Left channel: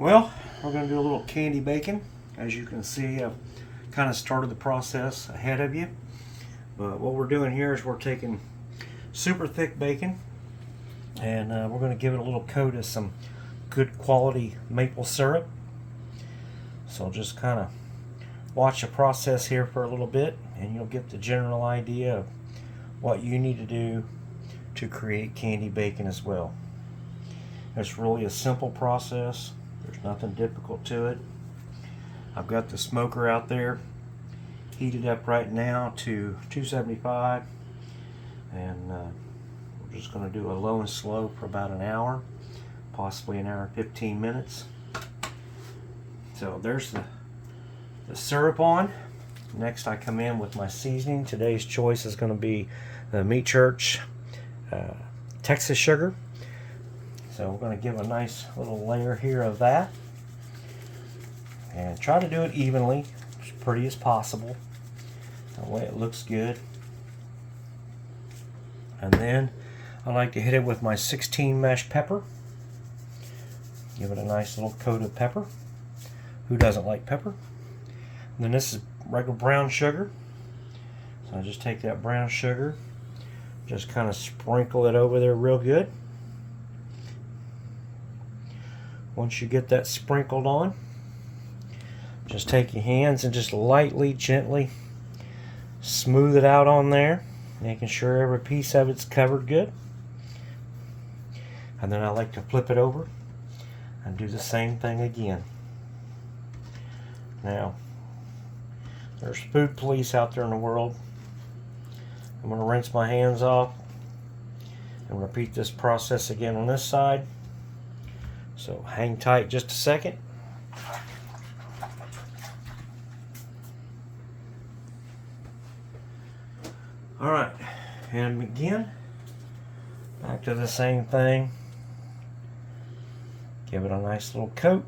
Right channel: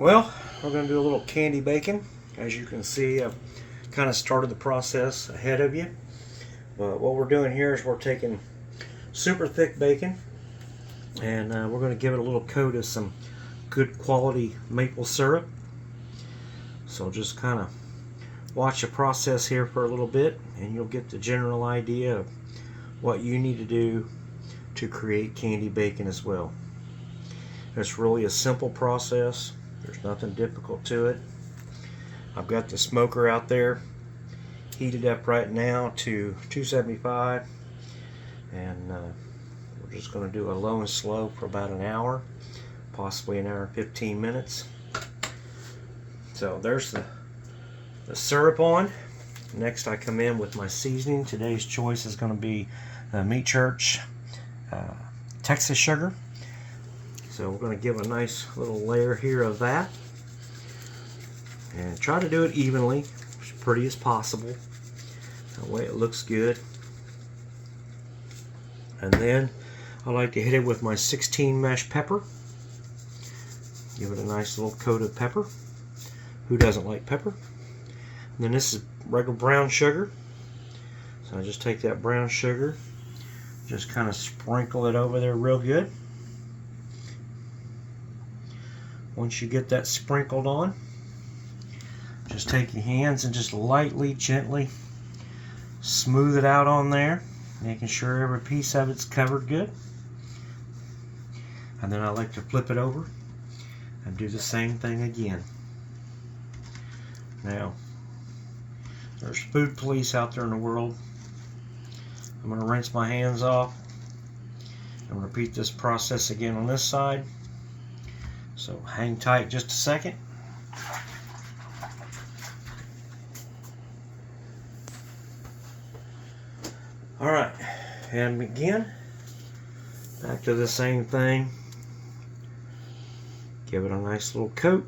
Well, we're going to do a little candy bacon. As you can see, I've kind of started the process ahead of you. But what we're doing here is we're taking super thick bacon and we're going to give it a little coat of some good quality maple syrup. So just kind of watch the process here for a little bit and you'll get the general idea of what you need to do to create candy bacon as well. It's really a simple process. There's nothing difficult to it. I've got the smoker out there heated up right now to 275, and we're just going to do a low and slow for about an hour, possibly an hour and 15 minutes. So there's the syrup on. Next I come in with my seasoning. Today's choice is going to be the Meat Church Texas sugar. So we're going to give a nice little layer here of that and try to do it evenly, as pretty as possible, that way it looks good. And then I like to hit it with my 16 mesh pepper. Give it a nice little coat of pepper. Who doesn't like pepper? And then this is regular brown sugar. So I just take that brown sugar, just kind of sprinkle it over there real good. Once you get that sprinkled on, just take your hands and just lightly, gently smooth it out on there, making sure every piece of it's covered good. And then I like to flip it over and do the same thing again. Now, there's food police out there in the world. I'm going to rinse my hands off and repeat this process again on this side. So hang tight just a second. Alright, and again, back to the same thing. Give it a nice little coat.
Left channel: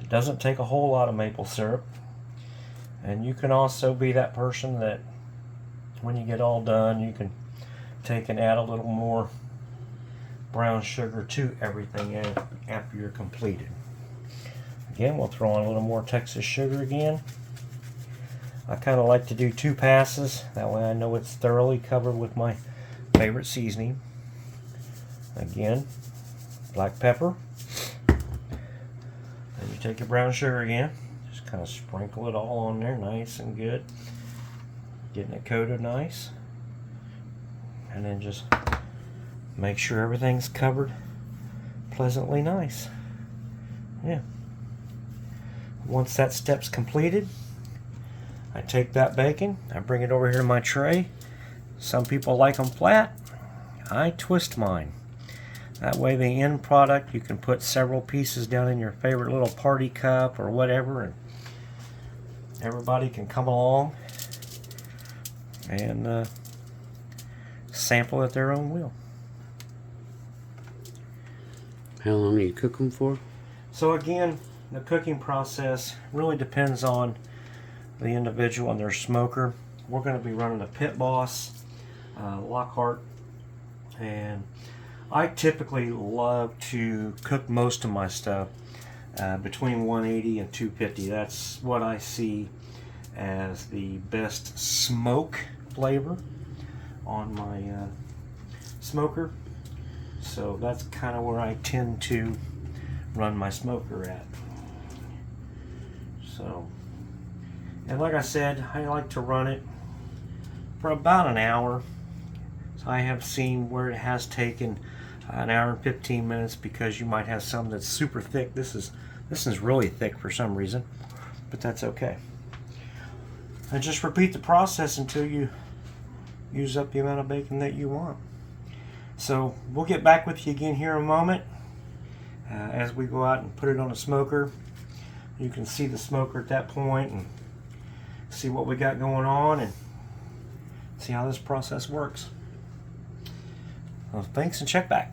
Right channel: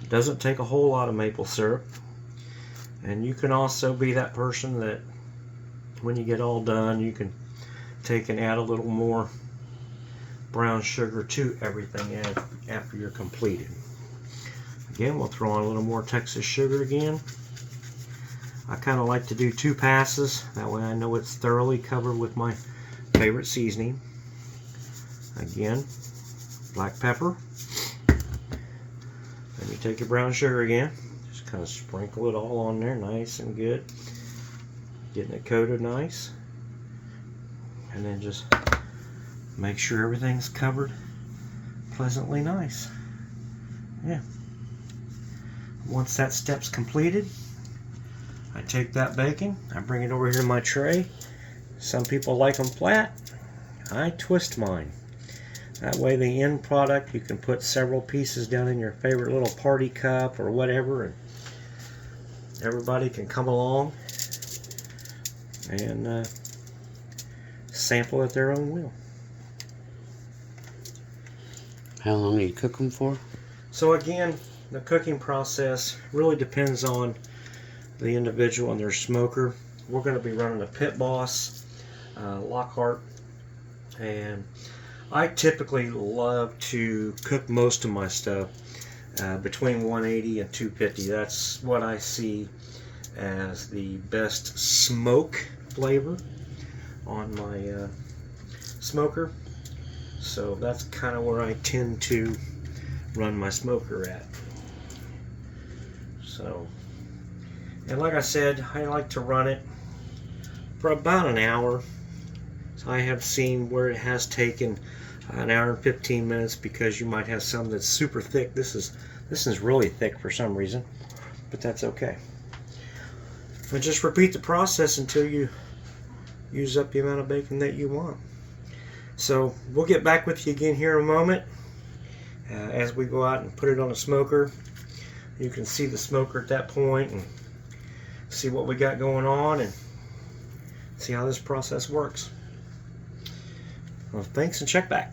It doesn't take a whole lot of maple syrup. And you can also be that person that when you get all done, you can take and add a little more brown sugar to everything after you're completed. Again, we'll throw on a little more Texas sugar again. I kind of like to do 2 passes, that way I know it's thoroughly covered with my favorite seasoning. Again, black pepper. Then you take your brown sugar again, just kind of sprinkle it all on there nice and good, getting it coated nice. And then just make sure everything's covered pleasantly nice. Yeah. Once that step's completed, I take that bacon, I bring it over here to my tray. Some people like them flat. I twist mine. That way the end product, you can put several pieces down in your favorite little party cup or whatever, and everybody can come along and sample at their own will. How long do you cook them for? So again, the cooking process really depends on the individual and their smoker. We're going to be running a Pit Boss Lockhart, and I typically love to cook most of my stuff between 180 and 250. That's what I see as the best smoke flavor on my smoker. So that's kind of where I tend to run my smoker at. So, and like I said, I like to run it for about an hour. So I have seen where it has taken an hour and 15 minutes because you might have some that's super thick. This is really thick for some reason, but that's okay. And just repeat the process until you use up the amount of bacon that you want. So we'll get back with you again here in a moment as we go out and put it on the smoker. You can see the smoker at that point and see what we got going on and see how this process works. Well, thanks and check back.